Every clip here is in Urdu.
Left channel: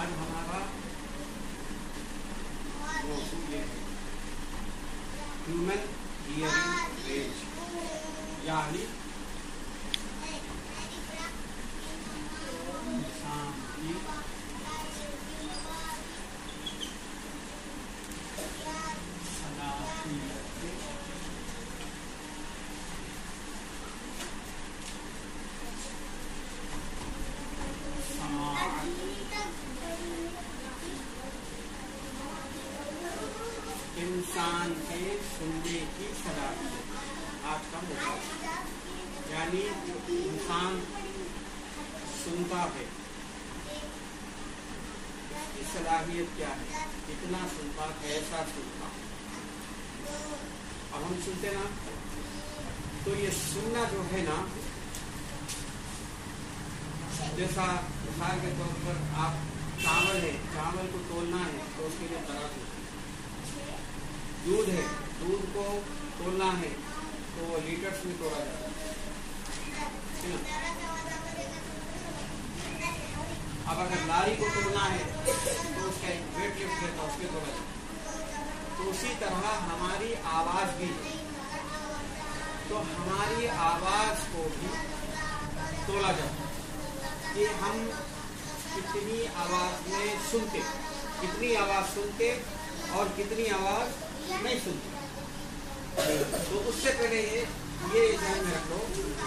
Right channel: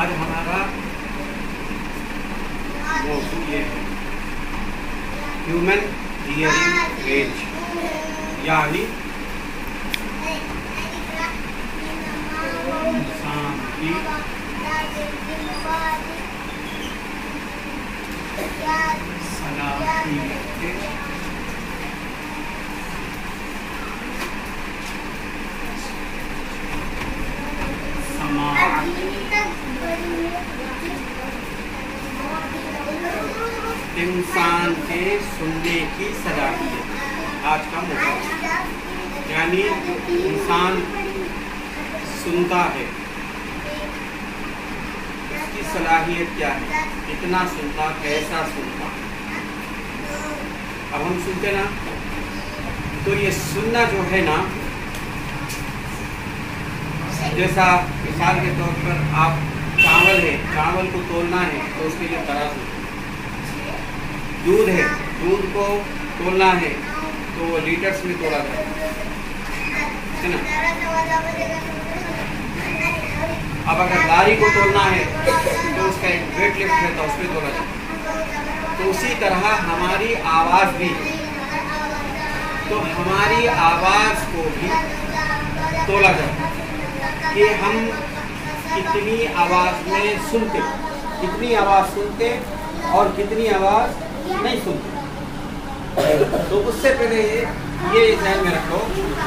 آج ہمارا موضوع یہ ہے ہیومن ہیئرنگ رینج، یعنی انسان کی صلاحیت سماعت، انسان کے سننے کی صلاحیت آج کا موضوع، یعنی انسان سنتا ہے اس کی صلاحیت کیا ہے، کتنا سنتا، کیسا سنتا۔ اب ہم سنتے نا، تو یہ سننا جو ہے نا، جیسا مثال کے طور پر آپ چاول ہے، چاول کو تولنا ہے تو اس کے لیے ترازو، دودھ ہے، دودھ کو تولنا ہے تو وہ لیٹرز میں تولا جاتا ہے نا۔ اب اگر لاری کو تولنا ہے تو اس کا ایک ویٹ لفٹ ہے تو اس میں تولا جاتا ہے۔ تو اسی طرح ہماری آواز بھی ہے، تو ہماری آواز کو بھی تولا جاتا ہے کہ ہم کتنی آواز میں سنتے، کتنی آواز سنتے اور کتنی آواز نہیں سنتے۔ تو اس سے پہلے یہ ذہن میں رکھو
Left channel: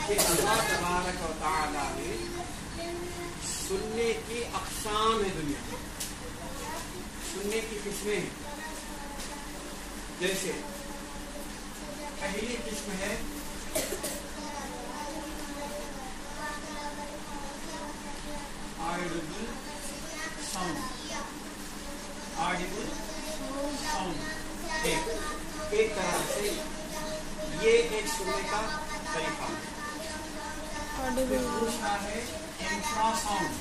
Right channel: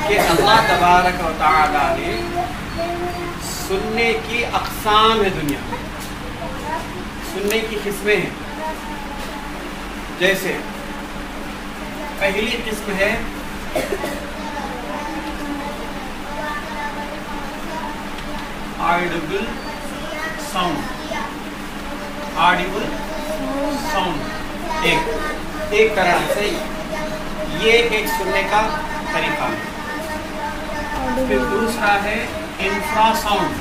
کہ اللہ تبارک و تعالیٰ نے سننے کی اقسام ہے، دنیا میں سننے کی قسمیں ہیں۔ جیسے پہلی قسم ہے آڈیبل ساؤنڈ، آڈیبل ساؤنڈ ایک طرح سے یہ ایک سننے کا طریقہ ہے۔ پھر دوسرا ہے انفرا ساؤنڈ،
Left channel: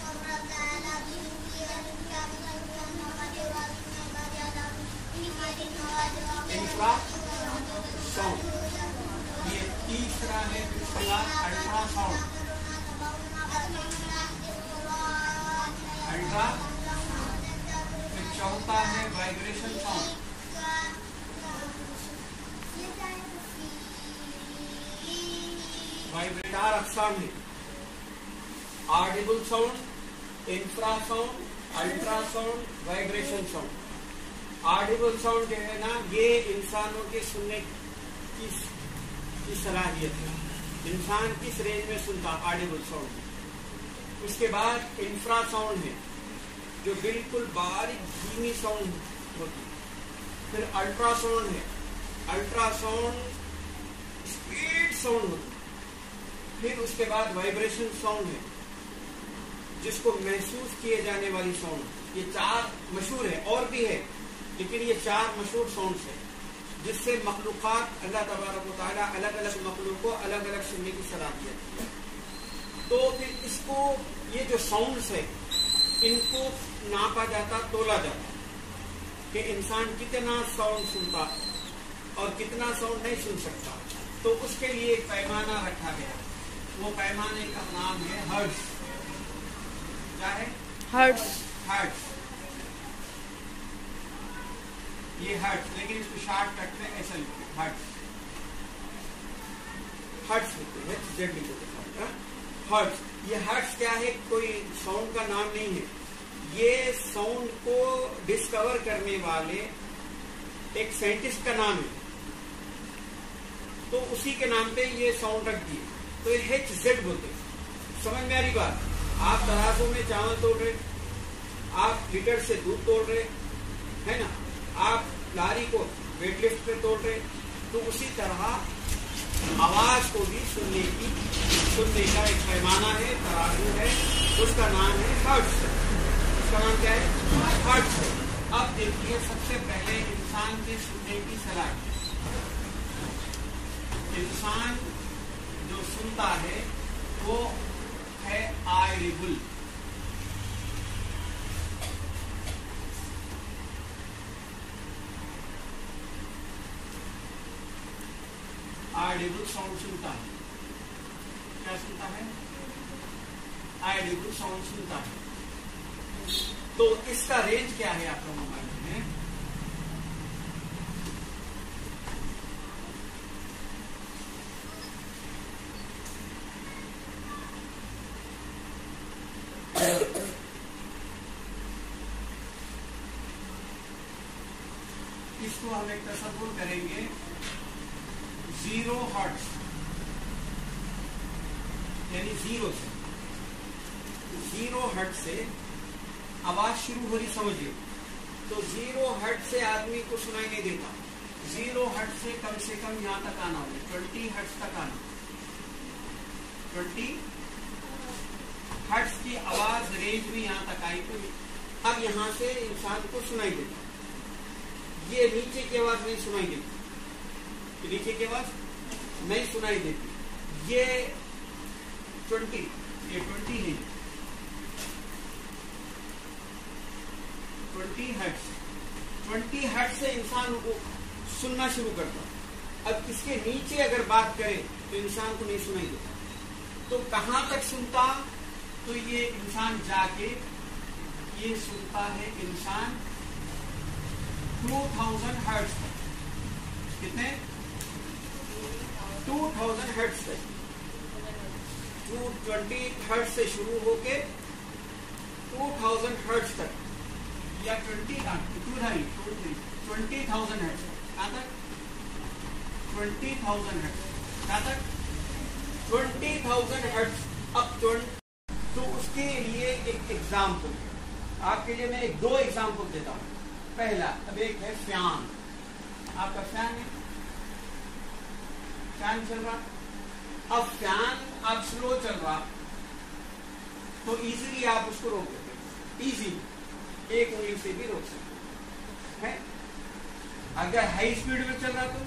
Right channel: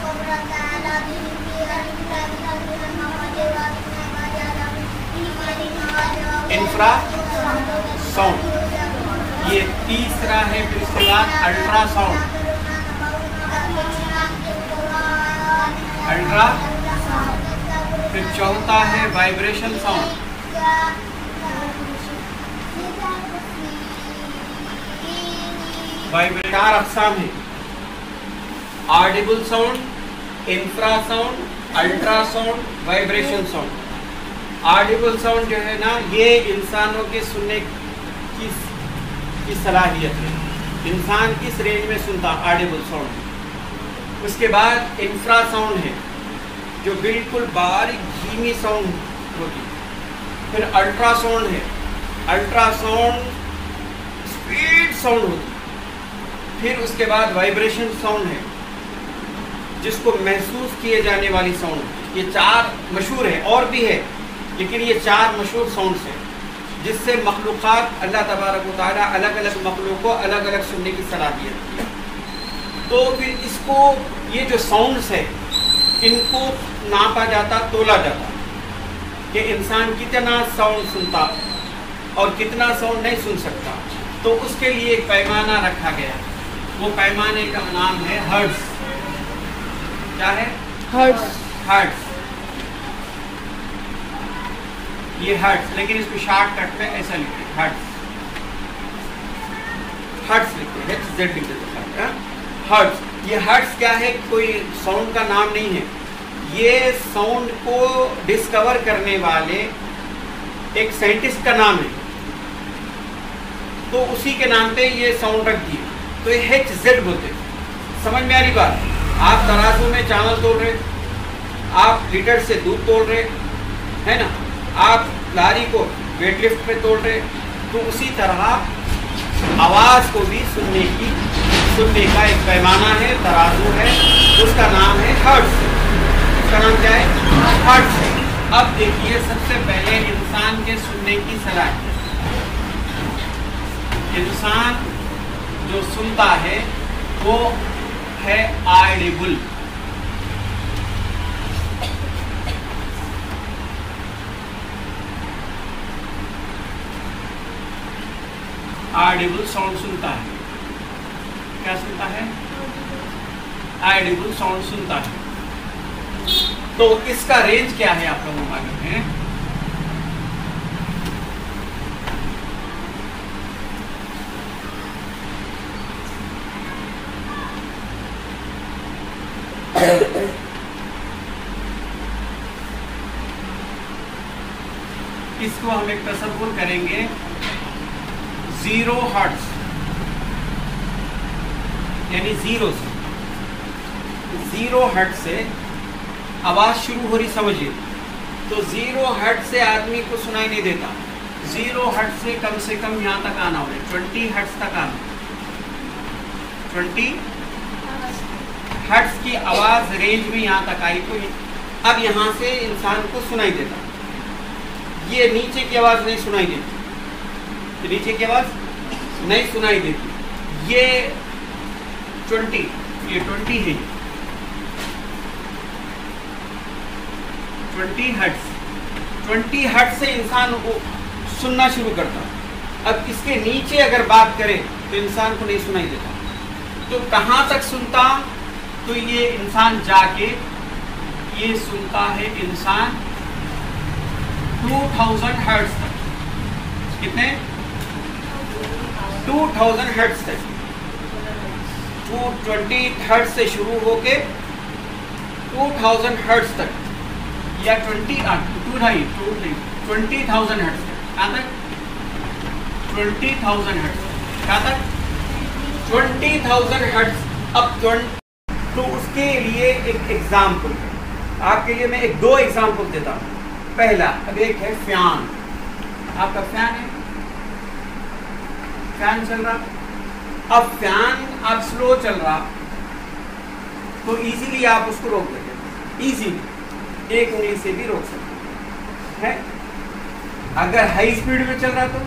انفرا ساؤنڈ یہ تیسرا ہے۔ پھر اس کے بعد الٹرا ساؤنڈ، الٹرا، پھر چوتھا ہے وائبریشن ساؤنڈ، چار اقسام ہیں، audible sound, infra sound, ultra sound, vibration sound. Audible sound جو ہے نا، یہ انسانوں کے سننے کی صلاحیت ہے، انسان کس رینج میں سنتا، آڈیبل ساؤنڈ۔ اس کے بعد انفرا ساؤنڈ ہے جو بالکل باریک دھیمی ساؤنڈ ہوتی۔ پھر الٹرا ساؤنڈ ہے، الٹرا ساؤنڈ اسپیڈ ساؤنڈ ہوتی۔ پھر اس کے بعد وائبریشن ساؤنڈ ہے جس کو محسوس کیے جانے والی ساؤنڈ۔ یہ چار مشہور ہے، اور بھی ہے لیکن یہ چار مشہور ساؤنڈز ہیں جس سے مخلوقات، اللہ تبارک و تعالیٰ الگ الگ مخلوق کو الگ الگ سننے کی صلاحیت دی۔ تو پھر اس کو، یہ جو ساؤنڈز ہے ان کو ناپا جاتا، تولا جاتا کہ انسان کتنا ساؤنڈ سنتا اور کتنا ساؤنڈ نہیں سن سکتا۔ تو اس کے لیے ایک پیمانہ رکھا گیا، وہ پیمانے کا نام ہے ہرٹز۔ کیا ہے؟ ہرٹز۔ ہرٹز، یہ ہرٹز، لیکن اس کو شارٹ کٹ میں ایسا لکھتے ہیں، ہرٹز، ہرٹز لکھتے ہیں، زیڈ لکھتے ہیں، ہرٹز۔ یہ ہرٹز کیا ہے؟ کوئی ساؤنڈ کا نام نہیں ہے، یہ ساؤنڈ کو ڈسکور کرنے والے ایک سائنٹسٹ کا نام ہے، تو اسی کے نام پہ یہ ساؤنڈ رکھ دی۔ تو یہ ایچ زیڈ بولتے ہیں۔ سمجھ میں آ رہی بات؟ آپ ترازو میں چاول تول رہے، آپ لیٹر سے دودھ تول رہے ہے نا، آپ لاری کو ویٹ لفٹ پہ تول رہے، تو اسی طرح آواز کو بھی سننے کا ایک پیمانہ ہے، ترازو ہے، اس کا نام ہے ہرٹز۔ اس کا نام کیا ہے؟ ہرٹز ہے۔ اب دیکھیے، سب سے پہلے انسان کے سننے کی صلاحیت، انسان جو سنتا ہے وہ ہے آڈیبل۔ آڈیبل ساؤنڈ سنتا ہے۔ کیا سنتا ہے؟ آڈیبل ساؤنڈ سنتا ہے۔ تو اس کا رینج کیا ہے آپ لوگوں کو معلوم ہے؟ اس کو ہم ایک تصور کریں گے 0 ہرٹز، یعنی 0 ہرٹز سے آواز شروع ہو رہی، سمجھیے تو 0 ہرٹز سے آدمی کو سنائی نہیں دیتا، 0 ہرٹز سے کم یہاں تک آنا ہوگا، 20 ہرٹز تک آنا، 20 ہرٹز کی آواز رینج میں یہاں تک آئی تو اب یہاں سے انسان کو سنائی دیتا، یہ نیچے کی آواز نہیں سنائی دیتی، نیچے کی آواز نہیں سنائی دیتی، یہ 20 ہے، 20 ہرٹز سے انسان کو سننا شروع کرتا، اب اس کے نیچے اگر بات کرے تو انسان کو نہیں سنائی دیتا، تو کہاں تک سنتا؟ تو یہ انسان جا کے یہ سنتا ہے انسان 2000 ہرٹز تک، کتنے؟ 2000 ہرٹز تک، 220 ہرٹز سے شروع ہو کے 2000 ہرٹز تک، یا 20,000 ہرٹز تک، کہاں تک؟ 20,000 ہرٹز، کہاں تک؟ 20,000 ہرٹز۔ اب تو اس کے لیے ایک ایگزامپل آپ کے لیے میں 2 ایگزامپل دیتا ہوں۔ پہلا، اب ایک ہے فین، آپ کا فین ہے، فین چل رہا، اب فین اب سلو چل رہا تو ایزیلی آپ اس کو روک دیتے، ایزیلی ایک انگلی سے بھی روک سکتے ہیں۔ اگر ہائی اسپیڈ میں چل رہا تو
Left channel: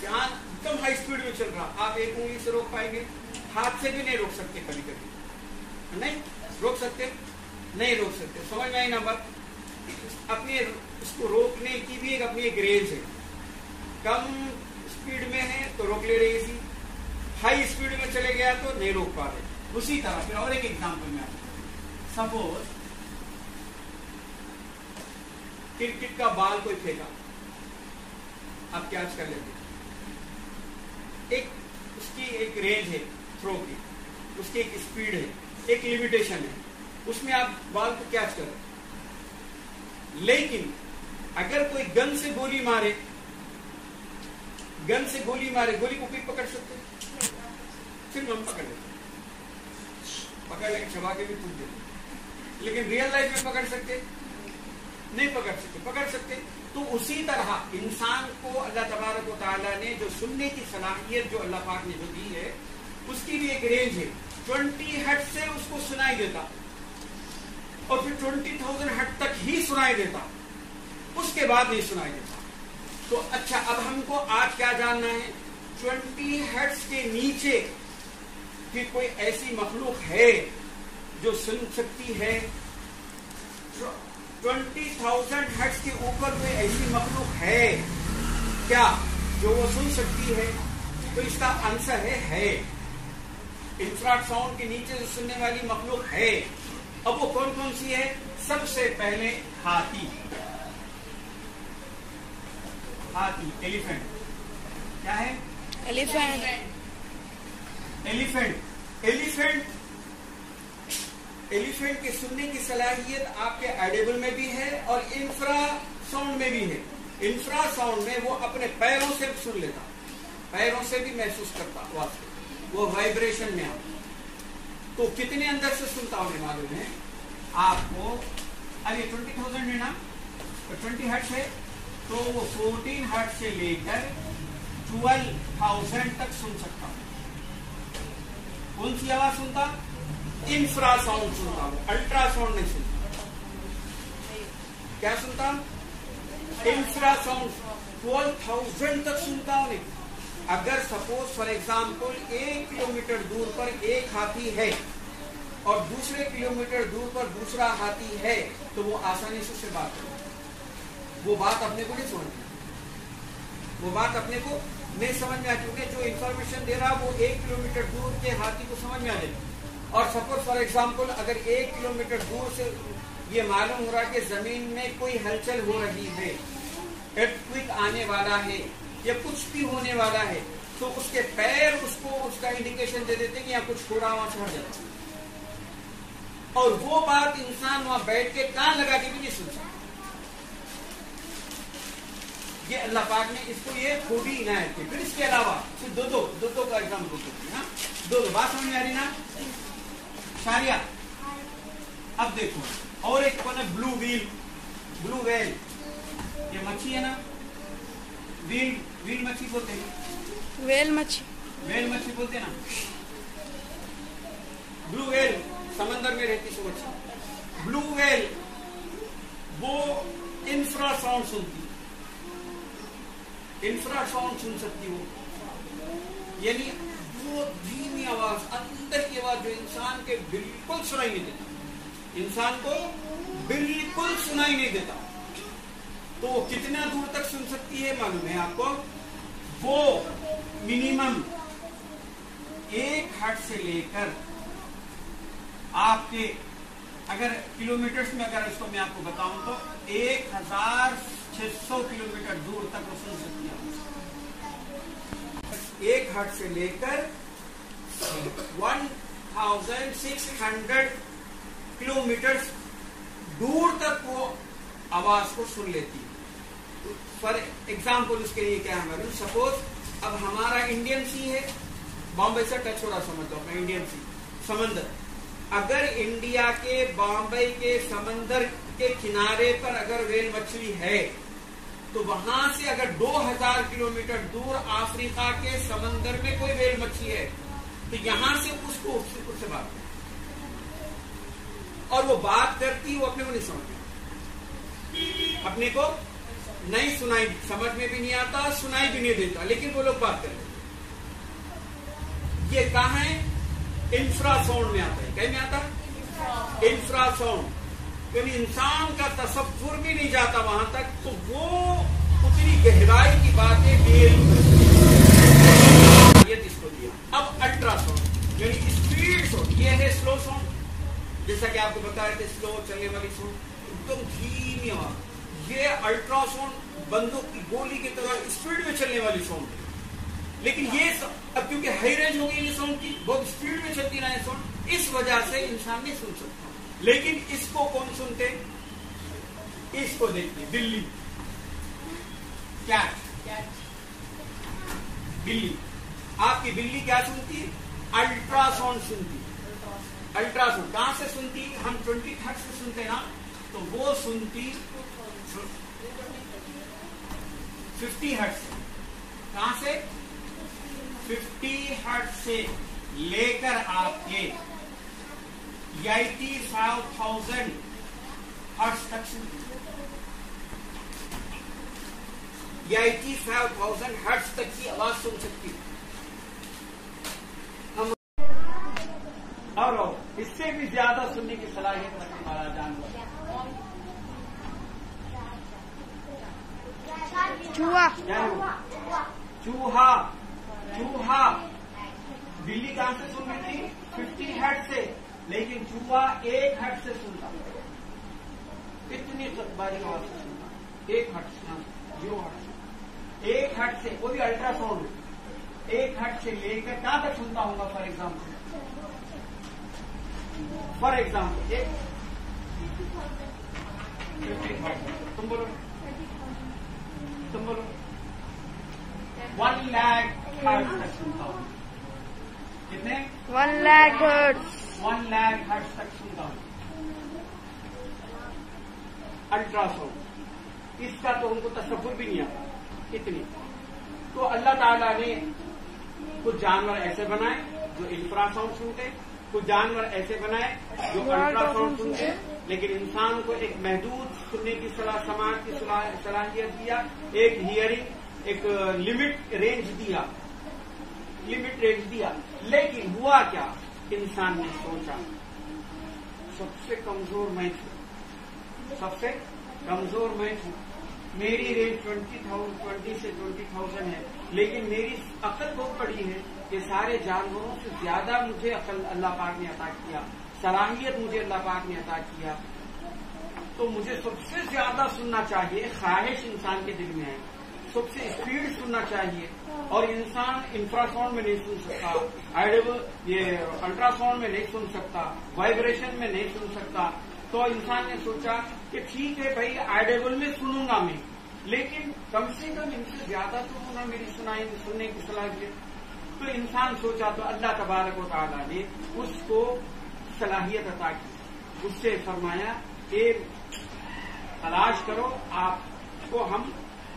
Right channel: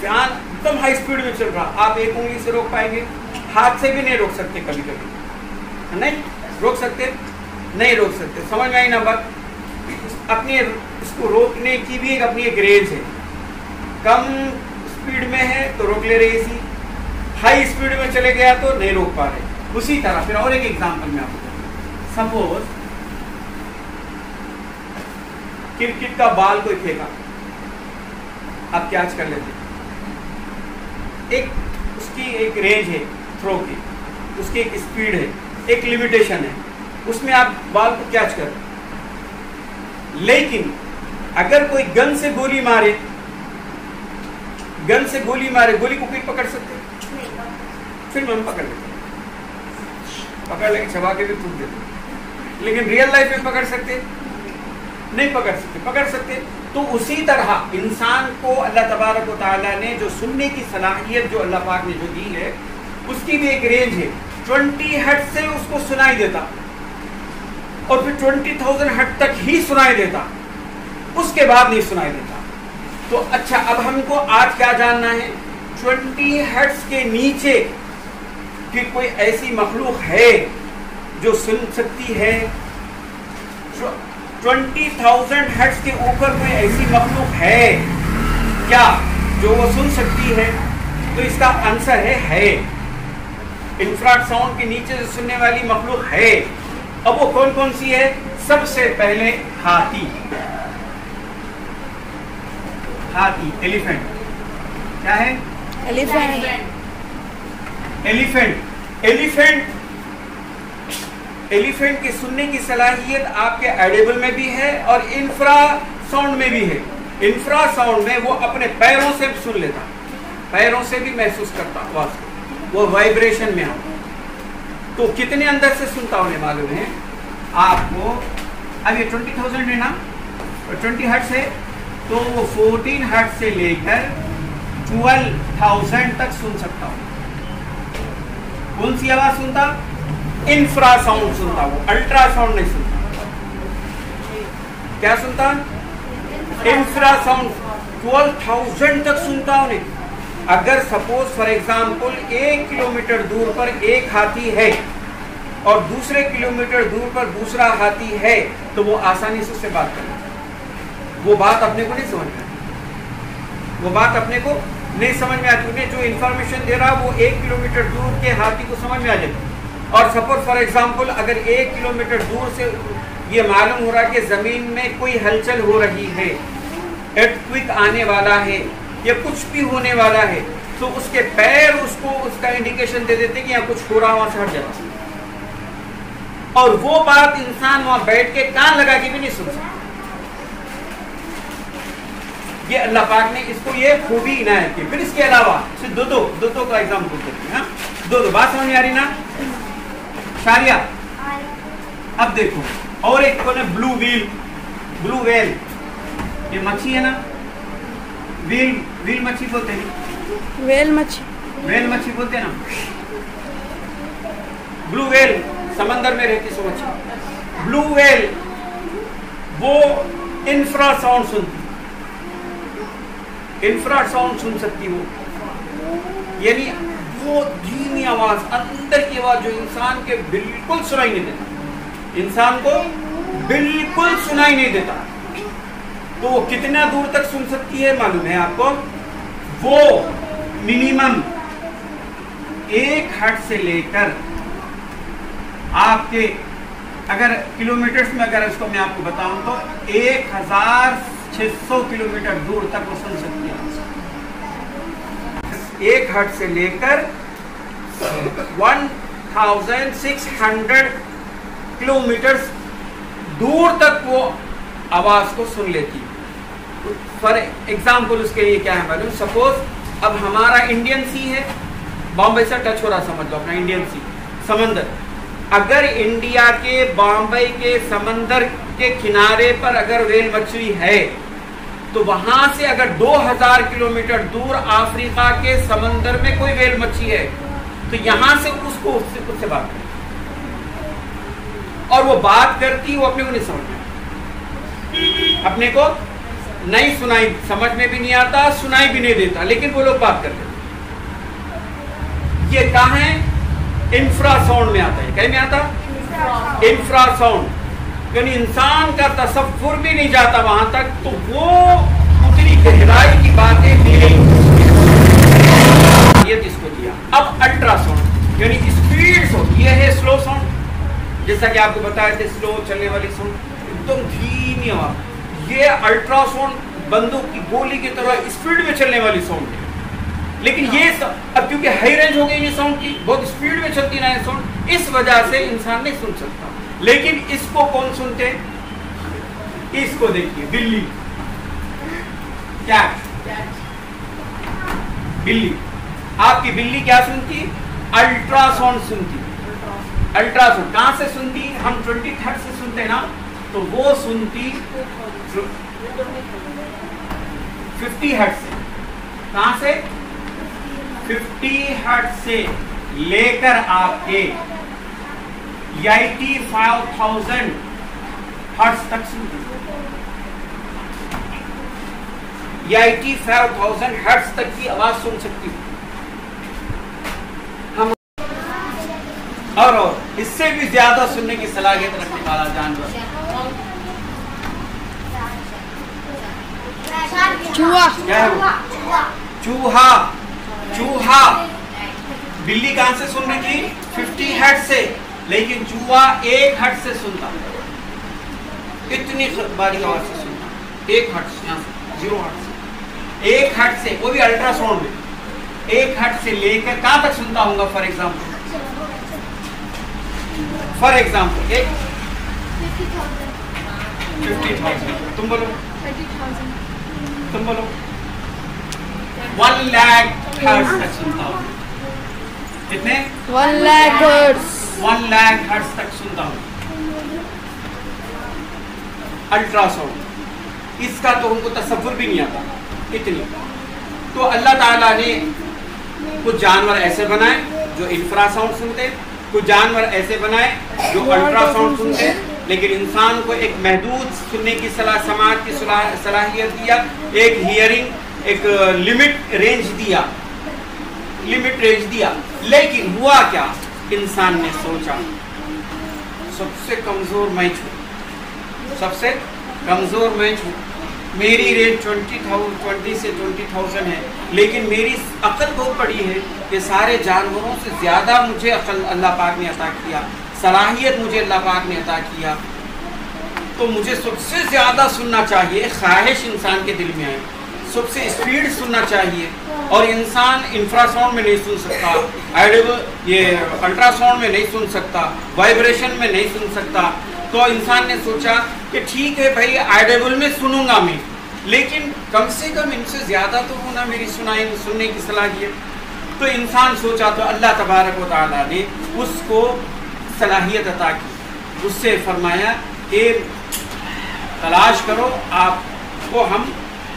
فین ایک دم ہائی اسپیڈ میں چل رہا، آپ ایک انگلی سے روک پائیں گے؟ ہاتھ سے بھی نہیں روک سکتے، کبھی کبھی نہیں روک سکتے، نہیں روک سکتے، سمجھ میں آئی نا بات؟ اپنی اس کو روکنے کی بھی اپنی ایک رینج ہے، کم اسپیڈ میں ہے تو روک لے رہے اسی، ہائی اسپیڈ میں چلے گیا تو نہیں روک پا رہے۔ اسی طرح پھر اور ایک ایگزامپل میں آپ کو سپوز کرکٹ کا بال کوئی پھینکا، آپ کیچ کر لیتے، ایک اس کی ایک رینج ہے تھرو کی، اس کی ایک اسپیڈ ہے، ایک لمیٹیشن ہے، اس میں آپ بال کو کیچ کر، لیکن اگر کوئی گن سے گولی مارے، گولی کو کوئی پکڑ سکتے؟ پھر ہم پکڑ لیتے، پکڑ لے کے چھپا کے بھی پھینک دیتے، لیکن ریئل لائف میں پکڑ سکتے؟ نہیں پکڑ سکتے۔ تو اسی طرح انسان کو اللہ تبارک و تعالیٰ نے جو سننے کی صلاحیت جو اللہ پاک نے جو دی ہے، اس کی بھی ایک رینج ہے، 20 ہرٹز سے اس کو سنائی دیتا، اور پھر 20,000 ہرٹز تک ہی سنائی دیتا، اس کے بعد نہیں سنائی دیتا۔ تو اچھا، اب ہم کو آج کیا جاننا ہے؟ 20 ہرٹز کے نیچے کہ کوئی ایسی مخلوق ہے جو سن سکتی ہے؟ 20,000 ہرٹز کے اوپر کوئی ایسی مخلوق ہے کیا جو وہ سن سکتی ہے؟ تو اس کا آنسر ہے انفرارڈ ساؤنڈ کے نیچے سے سننے والی مخلوق ہے۔ اب وہ کون سی ہے؟ سب سے پہلے ہاتھی، ایلیفینٹ، کیا ہے؟ ایلیفینٹ کی سننے کی صلاحیت آپ کے ایڈیبل میں بھی ہے اور انفرا ساؤنڈ میں بھی ہے۔ انفرا ساؤنڈ میں وہ اپنے پیروں سے سن لیتا، پیروں سے بھی محسوس کرتا آواز کو، وہ وائبریشن میں آتا۔ تو کتنے اندر سے سنتا انہیں معلوم ہے آپ کو؟ اب یہ 20,000 ہے نا، 20 ہرٹز ہے تو وہ 14 ہرٹز سے لے کر 12,000 تک سن سکتا ہوں۔ کون سی آواز سنتا؟ انفرا ساؤنڈ سنتا، وہ الٹرا ساؤنڈ نہیں سنتا۔ کیا سنتا؟ انفرا ساؤنڈ 12,000 تک سنتا انہیں۔ اگر سپوز فار ایگزامپل 1 کلومیٹر دور پر ایک ہاتھی ہے اور دوسرے کلومیٹر دور پر دوسرا ہاتھی ہے تو وہ آسانی سے اس سے بات کرے، وہ بات اپنے کو نہیں سمجھ رہے، وہ بات اپنے کو نہیں سمجھ میں آتی، انہیں جو انفارمیشن دے رہا وہ 1 کلومیٹر دور کے ہاتھی کو سمجھ میں آ جائے. اور سپوز فار ایگزامپل اگر 1 کلومیٹر دور سے یہ معلوم ہو رہا ہے کہ زمین میں کوئی ہلچل ہو رہی ہے، ارتھ آنے والا ہے یا کچھ بھی ہونے والا ہے، تو اس کے پیر اس کو اس کا انڈیکیشن دے دیتے کہ یہاں کچھ ہو رہا، وہاں سے ہٹ جاتا. اور وہ بات انسان وہاں بیٹھ کے کان لگا کے بھی نہیں سن سکتا. یہ اللہ پاک نے اس کو یہ خوبی عنایت کی. پھر اس کے علاوہ دو کا ایگزامپل دیتے ہیں. دو بات سمجھ میں آ رہی نا شاریہ؟ اب دیکھو اور ایک کون ہے بلو ویل. یہ مچھی ہے نا، ویل مچھی بولتے ہیں، ویل مچھی بولتے ہیں نا. بلو ویل سمندر میں رہتی سو مچھی. بلو ویل وہ انفرا ساؤنڈ سنتی، انفرا ساؤنڈ سن سکتی وہ، یعنی وہ دھیمی آواز، اندر کی آواز جو انسان کے بالکل سنائی نہیں دیتا، انسان کو بالکل سنائی نہیں دیتا. تو وہ کتنا دور تک سن سکتی ہے معلوم ہے آپ کو؟ وہ منیمم 1 ہرٹز سے لے کر آپ کے اگر کلومیٹرز میں اگر اس کو میں آپ کو بتاؤں تو 1600 کلومیٹر دور تک وہ سن سکتی ہے. 1 ہرٹز سے لے کر 1600 کلومیٹر دور تک وہ آواز کو سن لیتی. فار ایگزامپل اس کے لیے کیا ہے معلوم؟ سپوز اب ہمارا انڈین سی ہے، بامبے سے ٹچ ہو رہا، سمجھ لو اپنا انڈین سی سمندر. اگر انڈیا کے بامبے کے سمندر کے کنارے پر اگر ویل مچھلی ہے تو وہاں سے اگر 2000 کلومیٹر دور افریقہ کے سمندر میں کوئی ویل مچھلی ہے تو یہاں سے اس سے بات کرتی، اور وہ بات کرتی، وہ اپنے کو نہیں سمجھ، اپنے کو نہیں سنائی، سمجھ میں بھی نہیں آتا، سنائی بھی نہیں دیتا، لیکن وہ لوگ بات کرتے. یہ کہاں ہے؟ انفرا ساؤنڈ میں آتا ہے. کہیں میں آتا؟ انفرا ساؤنڈ، یعنی انسان کا تصور بھی نہیں جاتا وہاں تک. تو وہ اتنی گہرائی کی باتیں جس کو دیا. اب الٹرا ساؤنڈ یعنی اسپیڈ ساؤنڈ، یہ ہے سلو ساؤنڈ، جیسا کہ آپ کو بتایا تھے سلو چلنے والی ساؤنڈ، ایک دم دھیمی آواز. یہ الٹرا ساؤنڈ بندوق کی گولی کی طرح اسپیڈ میں چلنے والی ساؤنڈ ہے. لیکن یہ اب کیونکہ ہائی رینج ہو گئی یہ ساؤنڈ کی، بہت اسپیڈ میں چلتی نا یہ ساؤنڈ، اس وجہ سے انسان نہیں سن سکتا. لیکن اس کو کون سنتے؟ اس کو دیکھیے، بلی، کیا بلی، آپ کی بلی کیا سنتی؟ الٹرا ساؤنڈ سنتی. الٹرا ساؤنڈ کہاں سے سنتی؟ ہم 20 ہرٹز سے سنتے نا، تو وہ سنتی 50 ہرٹز سے. کہاں سے؟ 50 ہرٹز سے لے کر آپ کے 85,000 ہرٹز تک سنتی. 85,000 ہرٹز تک کی آواز سن سکتی. ہم اور اس سے بھی زیادہ سننے کی صلاحیت رکھنے والا جانور چوہا. بلی کہاں سے سننے کی؟ 50 ہرٹز سے، لیکن چوہا 1 ہرٹز سے سنتا. اتنی باری آواز سے سنتا. 1 ہرٹز، یہاں سے 0 ہرٹز سے 1 ہرٹز سے، وہ بھی الٹرا ساؤنڈ میں 1 ہرٹز سے لے کر کہاں تک سنتا ہوں گا؟ فار ایگزامپل ایک 50,000. تم بولو 1 لاکھ ہرٹز تک سنتا ہوں. کتنے؟ 1 لاکھ ہرٹز. 1 لاکھ ہرٹز تک سنتا ہوں الٹرا ساؤنڈ. اس کا تو ہم کو تصور بھی نہیں آتا اتنی. تو اللہ تعالیٰ نے کچھ جانور ایسے بنائے جو انفرا ساؤنڈ سنتے، کچھ جانور ایسے بنائے جو الٹرا ساؤنڈ سنتے، لیکن انسان کو ایک محدود سننے کی سماعت کی صلاحیت دیا، ایک ہیئرنگ، ایک لمٹ رینج دیا. لیکن ہوا کیا؟ انسان نے سوچا سب سے کمزور میں چھوں، میری رینج 20 سے 20,000 ہے، لیکن میری عقل بہت بڑی ہے کہ سارے جانوروں سے زیادہ مجھے عقل اللہ پاک نے عطا کیا، صلاحیت مجھے اللہ پاک نے عطا کیا، تو مجھے سب سے زیادہ سننا چاہیے۔ خواہش انسان کے دل میں آئے، سب سے اسپیڈ سننا چاہیے، اور انسان انفراساؤنڈ میں نہیں سن سکتا، یہ الٹرا ساؤنڈ میں نہیں سن سکتا، وائبریشن میں نہیں سن سکتا۔ تو انسان نے سوچا کہ ٹھیک ہے بھائی آئیڈیبل میں سنوں گا میں، لیکن کم سے کم ان سے زیادہ تو ہونا میری سننے کی صلاحیت۔ تو انسان سوچا تو اللہ تبارک و تعالیٰ نے اس کو صلاحیت عطا کی، اس سے فرمایا کہ تلاش کرو، آپ کو ہم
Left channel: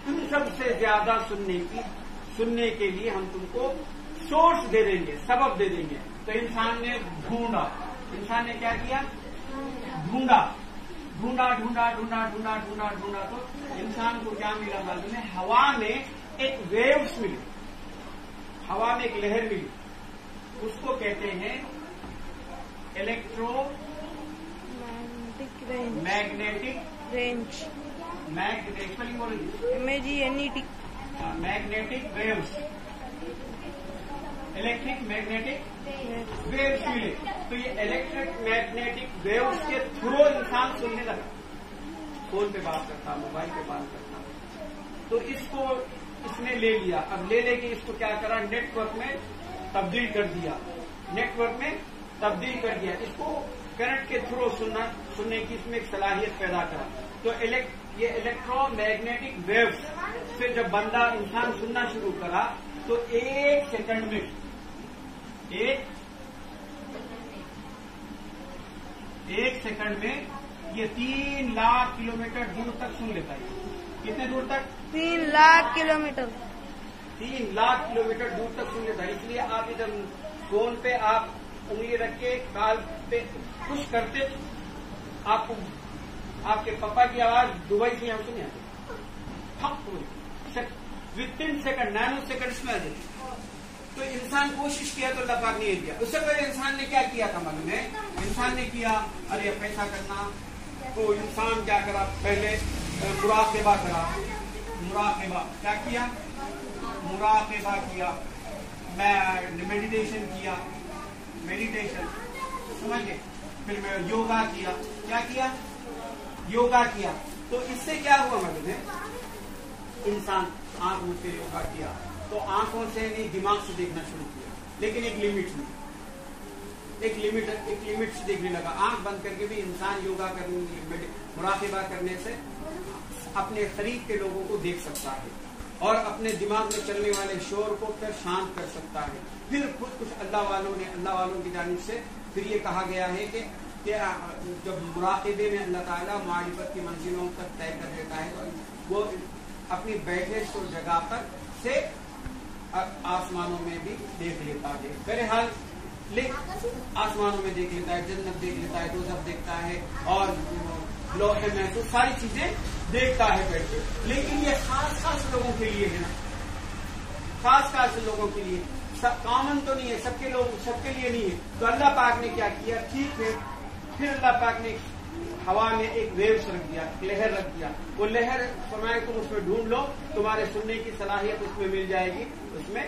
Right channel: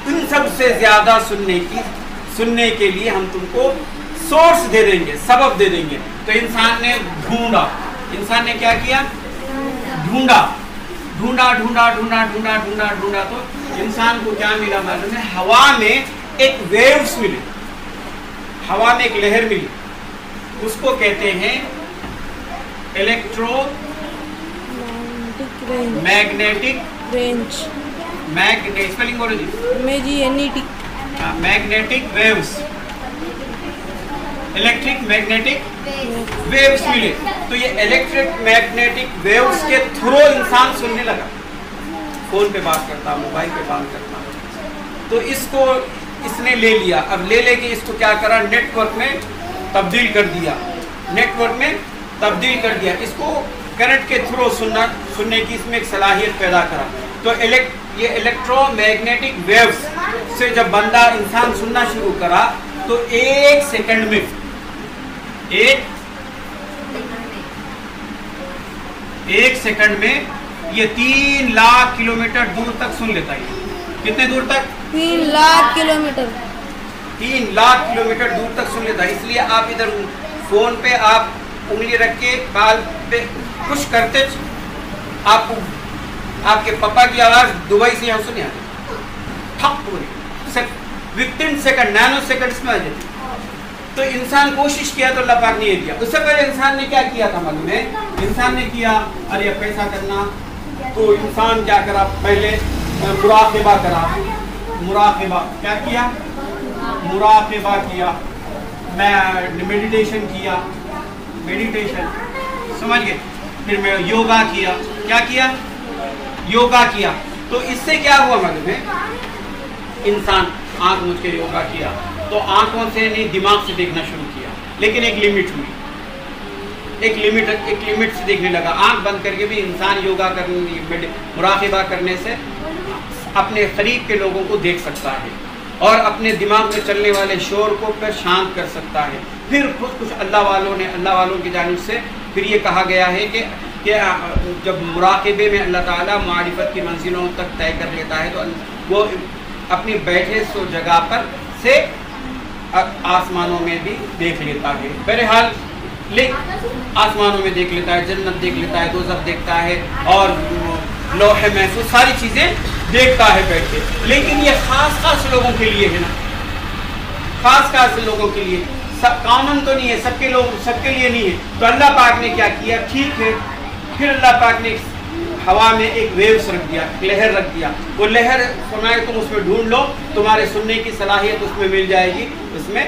ان سب سے زیادہ سننے کے لیے ہم تم کو سورس دے دیں گے، سبب دے دیں گے۔ تو انسان نے ڈھونڈا، انسان نے کیا کیا؟ ڈھونڈا تو انسان کو کیا ملا معلوم ہے؟ ہوا میں ایک ویوز ملی، ہوا میں ایک لہر ملی، اس کو کہتے ہیں الیکٹرو میگنیٹک رینج، اسپیلنگ بولو جی، magnetic waves, electric magnetic waves ملے۔ تو یہ الیکٹرک میگنیٹک ویوز کے تھرو انسان سننے لگا، فون پہ بات کرتا، موبائل پہ بات کرتا، تو اس کو اس نے لے لیا۔ اب لے کے اس کو کیا کرا؟ نیٹ ورک میں تبدیل کر دیا، اس کو کرنٹ کے تھرو سننے کی اس میں ایک صلاحیت پیدا کرا۔ تو یہ الیکٹرو میگنیٹک ویوز سے جب بندہ انسان سننا شروع کرا تو ایک سیکنڈ میں یہ 3 لاکھ کلومیٹر دور تک سن لیتا ہے۔ کتنے دور تک؟ 3 لاکھ کلومیٹر 3 لاکھ کلومیٹر دور تک سن لیتا ہے۔ اس لیے آپ ادھر فون پہ آپ انگلی رکھ کے بال پہ کچھ کرتے، آپ کے پپا کی آواز دبئی سے یہاں سنی آتی، وتھن سیکنڈ، نینو سیکنڈز میں آ جاتی۔ تو انسان کوشش کیا تو اللہ پاک نے یہ دیا۔ اس سے پہلے انسان نے کیا کیا تھا معلوم ہے؟ انسان نے کیا ارے پیسہ کرنا، تو انسان کیا کرا؟ پہلے مراقبہ کرا، مراقبہ کیا کیا؟ مراقبہ کیا، میڈیٹیشن کیا، سمجھ گئے؟ پھر میں یوگا کیا، کیا کیا؟ یوگا کیا۔ تو اس سے کیا ہوا معلوم ہے؟ انسان آنکھ مجھ کے یوگا کیا تو آنکھوں سے نہیں دماغ سے دیکھنا شروع کیا، لیکن ایک لمٹ ہوئی، ایک لمٹ سے دیکھنے لگا۔ آنکھ بند کر کے بھی انسان یوگا کرنے، مراقبہ کرنے سے اپنے قریب کے لوگوں کو دیکھ سکتا ہے اور اپنے دماغ میں چلنے والے شور کو پھر شانت کر سکتا ہے۔ پھر کچھ اللہ والوں کی جانب سے پھر یہ کہا گیا ہے کہ جب مراقبے میں اللہ تعالیٰ معرفت کی منزلوں تک طے کر لیتا ہے تو وہ اپنی بیٹھے سو جگہ پر سے آسمانوں میں بھی دیکھ لیتا ہے۔ بہرحال آسمانوں میں دیکھ لیتا ہے، جنت دیکھ لیتا ہے، دوزخ دیکھتا ہے، اور لوح محفوظ ساری چیزیں دیکھتا ہے بیٹھ کے۔ لیکن یہ خاص لوگوں کے لیے ہے نا، خاص لوگوں کے لیے، سب کامن تو نہیں ہے، سب کے لیے نہیں ہے۔ تو اللہ پاک نے کیا کیا؟ ٹھیک ہے، پھر اللہ پاک نے ہوا میں ایک ویوز رکھ دیا، لہر رکھ دیا۔ وہ لہر فرمایا تم اس میں ڈھونڈ لو، تمہارے سننے کی صلاحیت اس میں مل جائے گی۔ اس میں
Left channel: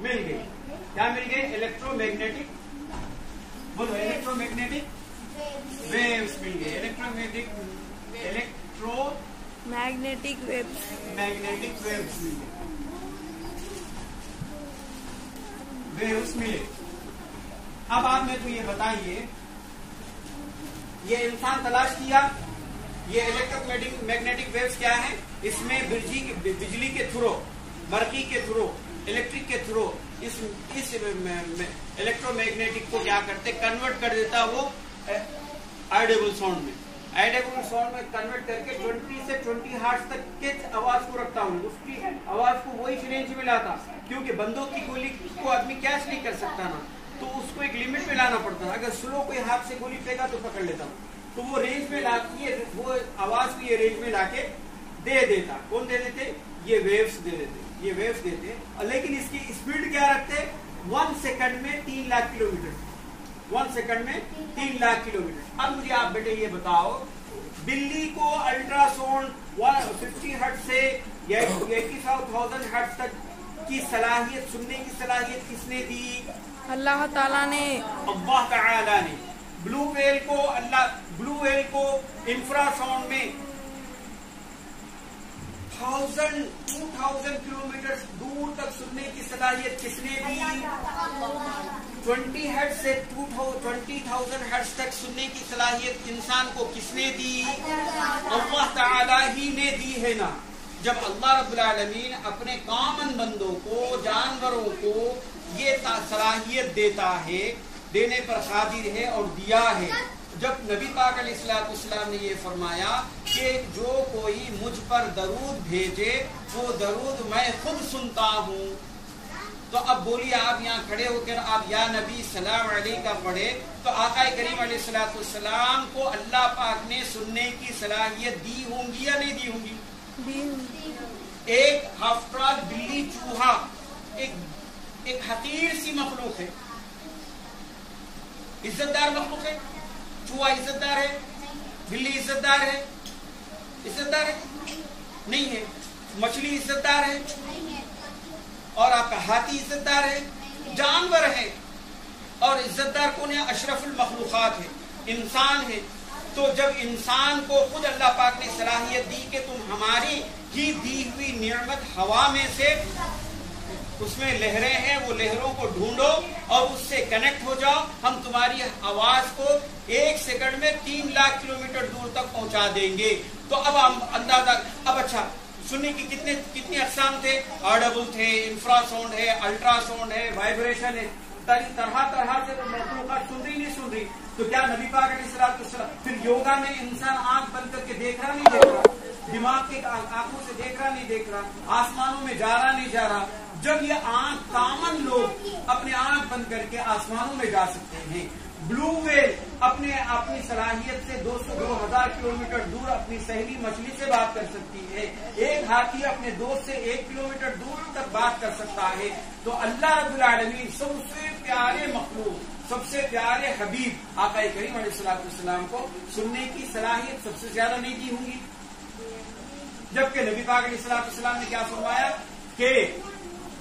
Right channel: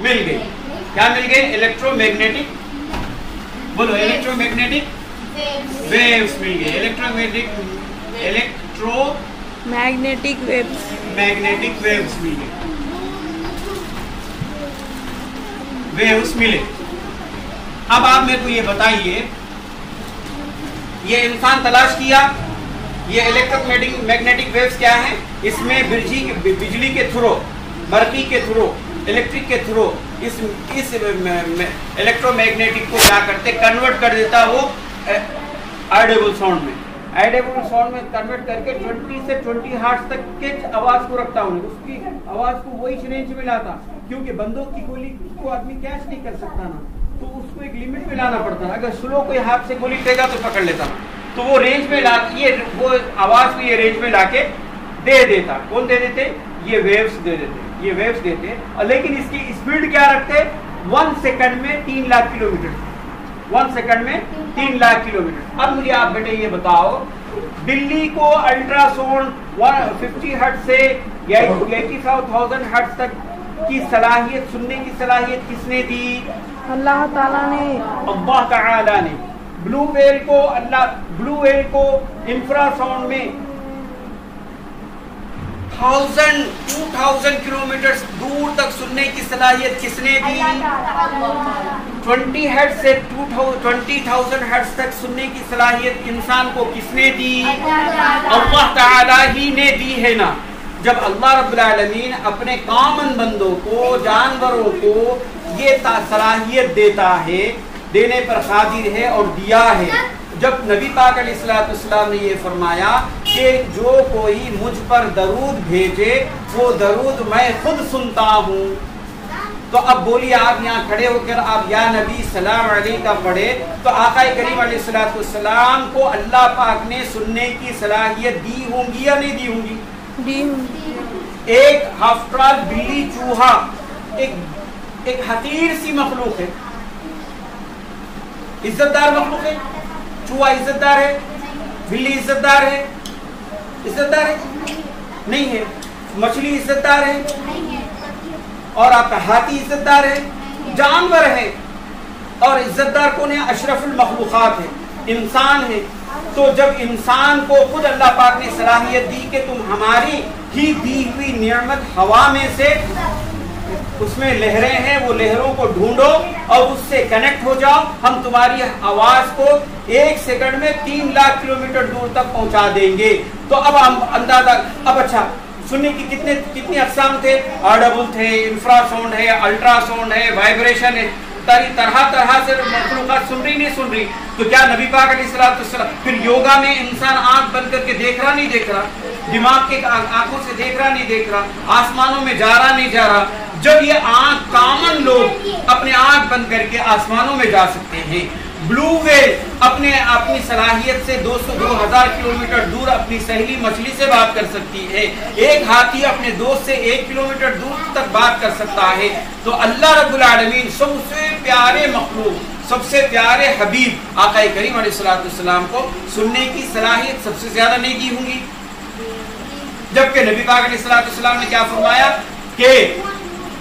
مل گئی، کیا مل گئی؟ الیکٹرو میگنیٹک، بولو الیکٹرو میگنیٹک ویوز مل گئی، الیکٹرو میگنیٹک ویوز مل گئی، ویوز ملے۔ اب آپ میرے کو یہ بتائیے، یہ انسان تلاش کیا، یہ الیکٹرک میگنیٹک ویوز کیا ہے؟ اس میں بجلی کے تھرو، برقی کے تھرو، الیکٹرک کے تھرو اس الیکٹرو میگنیٹک کو کیا کرتے؟ کنورٹ کر دیتا وہ آڈیبل ساؤنڈ میں، کنورٹ کر کے 20 سے 20 ہرٹز تک کے آواز کو رکھتا ہوں۔ اس کی آواز کو وہی رینج میں لاتا، کیونکہ بندوق کی گولی کو آدمی کیچ نہیں کر سکتا نا، تو اس کو ایک لمٹ میں لانا پڑتا ہے۔ اگر سلو کوئی ہاتھ سے گولی ٹے گا تو پکڑ لیتا، تو وہ رینج میں وہ آواز کو یہ رینج میں لا کے دے دیتا۔ کون دے دیتے؟ یہ ویوز دے دیتے، یہ ویوز دیتے۔ لیکن اس کی اسپیڈ کیا رکھتے؟ 1 سیکنڈ میں 3 لاکھ کلومیٹر، 1 سیکنڈ میں 3 لاکھ کلومیٹر۔ اب مجھے آپ بیٹے یہ بتاؤ بلی کو الٹراساؤنڈ 50 ہرٹز سے 80,000 ہرٹز تک کی صلاحیت، سننے کی صلاحیت کس نے دی؟ اللہ تعالیٰ نے. اللہ تعالی نے. بلو ویل کو انفراساؤنڈ میں 2000 کلومیٹر دور تک سننے کی صلاحیت کس نے دی؟ 20 ہرٹز سے 20,000 ہرٹز تک سننے کی صلاحیت انسان کو کس نے دی؟ اللہ تعالی ہی نے دی ہے نا. جب اللہ رب العالمین اپنے کامن بندوں کو، جانوروں کو یہ صلاحیت دیتا ہے، دینے پر قادر ہے اور دیا ہے. جب نبی پاک علیہ الصلوۃ والسلام نے یہ فرمایا کہ جو کوئی مجھ پر درود بھیجے وہ درود میں خود سنتا ہوں، تو اب بولیے آپ یہاں کھڑے ہو کر آپ یا نبی سلام علیہ کا پڑھے تو آقا کریم علیہ الصلوۃ والسلام کو اللہ پاک نے سننے کی صلاحیت دی ہوں گی یا نہیں دی ہوں گی؟ ایک ہفتال بلی چوہا ایک حقیر سی مخلوق ہے، عزت دار مخلوق ہے. چوہا عزت دار ہے؟ بلی عزت دار ہے؟ عزت دار ہے؟ نہیں ہے. مچھلی عزت دار ہے؟ اور آپ کا ہاتھی عزت دار ہے؟ جانور ہے. اور عزت دار کون ہے؟ اشرف المخلوقات ہے، انسان ہے. تو جب انسان کو خود اللہ پاک نے صلاحیت دی کہ تم ہماری ہی دی ہوئی نعمت ہوا میں سے اس میں لہریں ہیں، وہ لہروں کو ڈھونڈو اور اس سے کنیکٹ ہو جاؤ، ہم تمہاری آواز کو 1 سیکنڈ میں 3 لاکھ کلومیٹر دور تک پہنچا دیں گے. تو اب ہم اندازہ، اب اچھا سننے کی کتنی اقسام تھے؟ آڈیبل تھے، انفرا ساؤنڈ ہے، الٹرا ساؤنڈ ہے، وائبریشن ہے، طرح سے مخلوقات سن رہی نہیں سن رہی. تو کیا نبی پاک علیہ الصلوۃ والسلام پھر یوگا میں انسان آنکھ بند کر کے دیکھ رہا نہیں دیکھ رہا، دماغ کے آنکھوں سے دیکھ رہا نہیں دیکھ رہا، آسمانوں میں جا رہا نہیں جا رہا؟ جب یہ آنکھ کامن لوگ اپنے آنکھ بند کر کے آسمانوں میں جا سکتے ہیں، بلو ویل اپنی صلاحیت سے 2000 کلومیٹر دور اپنی سہیلی مچھلی سے بات کر سکتی ہے، ایک ہاتھی اپنے دوست سے 1 کلومیٹر دور تک بات کر سکتا ہے. تو اللہ رب العالمین سب سے پیارے مخلوق، سب سے پیارے حبیب آقا کریم علیہ الصلوۃ والسلام کو سننے کی صلاحیت سب سے زیادہ نہیں دی ہوں گی؟ جبکہ نبی پاک علیہ الصلوۃ والسلام نے کیا فرمایا کہ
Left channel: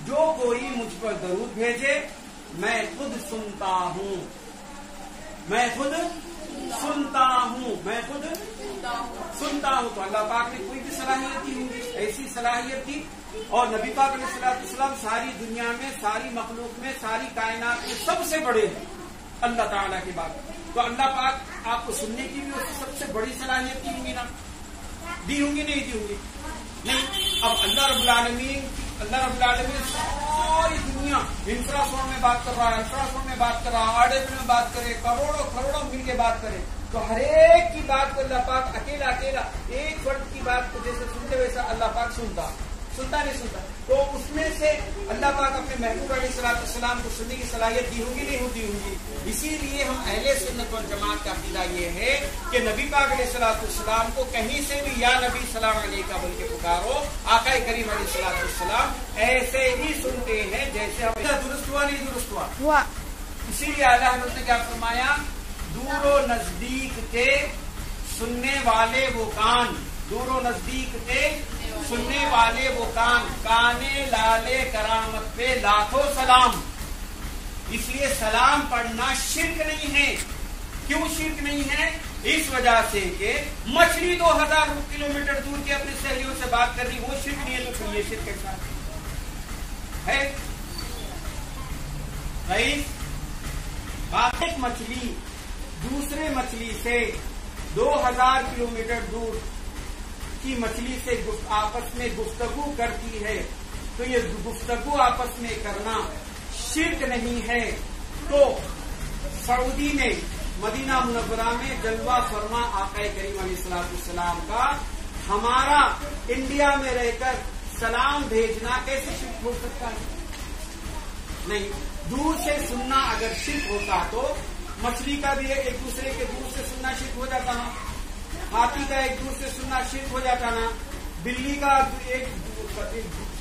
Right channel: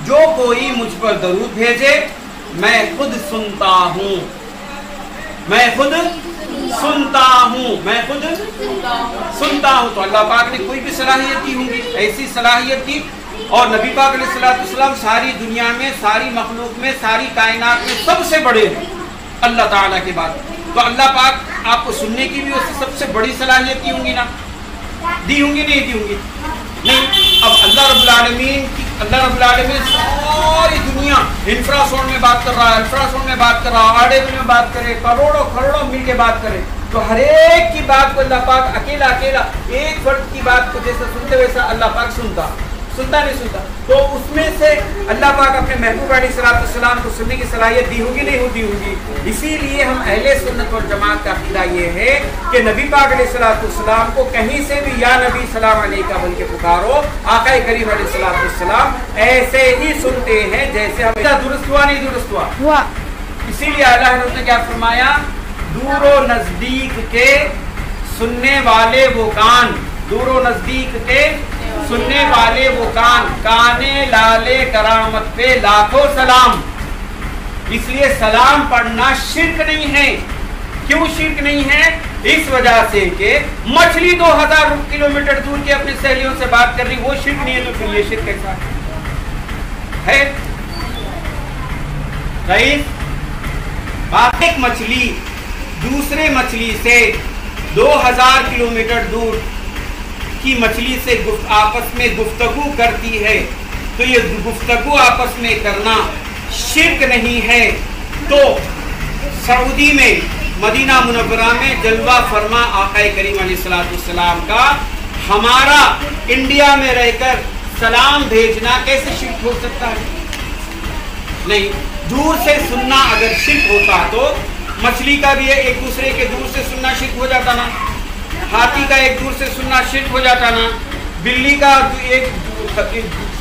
جو کوئی مجھ پر درود بھیجے میں خود سنتا ہوں، میں خود سنتا ہوں، میں خود سنتا ہوں. تو اللہ پاک نے کوئی بھی صلاحیت دی ہوں گی، ایسی صلاحیت دی. اور نبی پاک علیہ الصلوۃ والسلام ساری دنیا میں، ساری مخلوق میں، ساری کائنات میں سب سے بڑے ہیں اللہ تعالیٰ کے بعد. تو اللہ پاک آپ کو سننے کی بھی اس سے سب سے بڑی صلاحیت دی ہوں گی نا؟ دی ہوں گی نہیں دی ہوں گی؟ نہیں. اب اللہ رب العالمین ساری دنیا انفرا ساؤنڈ میں بات کر رہا ہے، الٹرا ساؤنڈ میں بات کر رہا ہے، آڈیبل میں بات کرے، کروڑوں مل کے بات کرے. تو ہر ایک کی بات کو اللہ پاک اکیلا ایک فرد کی بات کو جیسا سنتے ویسا اللہ پاک سنتا نہیں سنتا. تو اس میں سے اللہ پاک اپنے محبوب علیہ الصلوۃ والسلام کو سننے کی صلاحیت دی ہوگی نہیں ہوتی ہوگی؟ اسی لیے ہم اہل سنت والجماعت کا عقیدہ یہ ہے کہ نبی پاک علیہ الصلوۃ والسلام کو کہیں سے بھی یا نبی سلام علیکہ بول کے پکارو، آقا کریم علیہ الصلوۃ والسلام ایسے ہی سنتے ہیں جیسے ہم. درست ہوا نہیں درست ہوا؟ اسی لیے اللہ حضرت نے کیا فرمایا؟ دور و نزدیک کے سننے والے وہ کان، دور و نزدیک کے سننے والے وہ کان، کانے لالے کرامت پہ لاکھوں سلام. اس لیے سلام پڑھنا شرک نہیں ہے. کیوں شرک نہیں ہے؟ اس وجہ سے کہ مچھلی 2000 کلومیٹر دور کی اپنی سہیلیوں سے بات کر رہی، وہ شرک نہیں ہے. تو پھر یہ شرک کیسا ہے؟ ایک مچھلی دوسرے مچھلی سے 2000 کلومیٹر دور کی مچھلی سے آپس میں گفتگو کرتی ہے، تو یہ گفتگو آپس میں کرنا شرک نہیں ہے. تو سعودی میں مدینہ منورہ میں جلوہ فرما آقا کریم علیہ الصلوۃ والسلام کا ہمارا انڈیا میں رہ کر سلام بھیجنا کیسے شرک ہو سکتا ہے؟ نہیں. دور سے سننا اگر شرک ہوتا تو مچھلی کا بھی ایک دوسرے کے دور سے سننا شرک ہو جاتا نا، ہاتھی کا ایک دور سے سننا شرک ہو جاتا نا، بلی کا ایک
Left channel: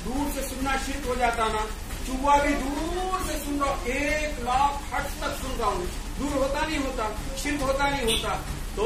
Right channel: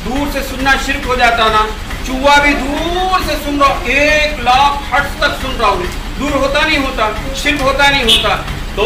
دور سے سننا شرک ہو جاتا نا، چوہا بھی دور سے سن رہا، 1 لاکھ ہرٹز تک سن رہا ہوں، دور ہوتا نہیں ہوتا، شرک ہوتا نہیں ہوتا. تو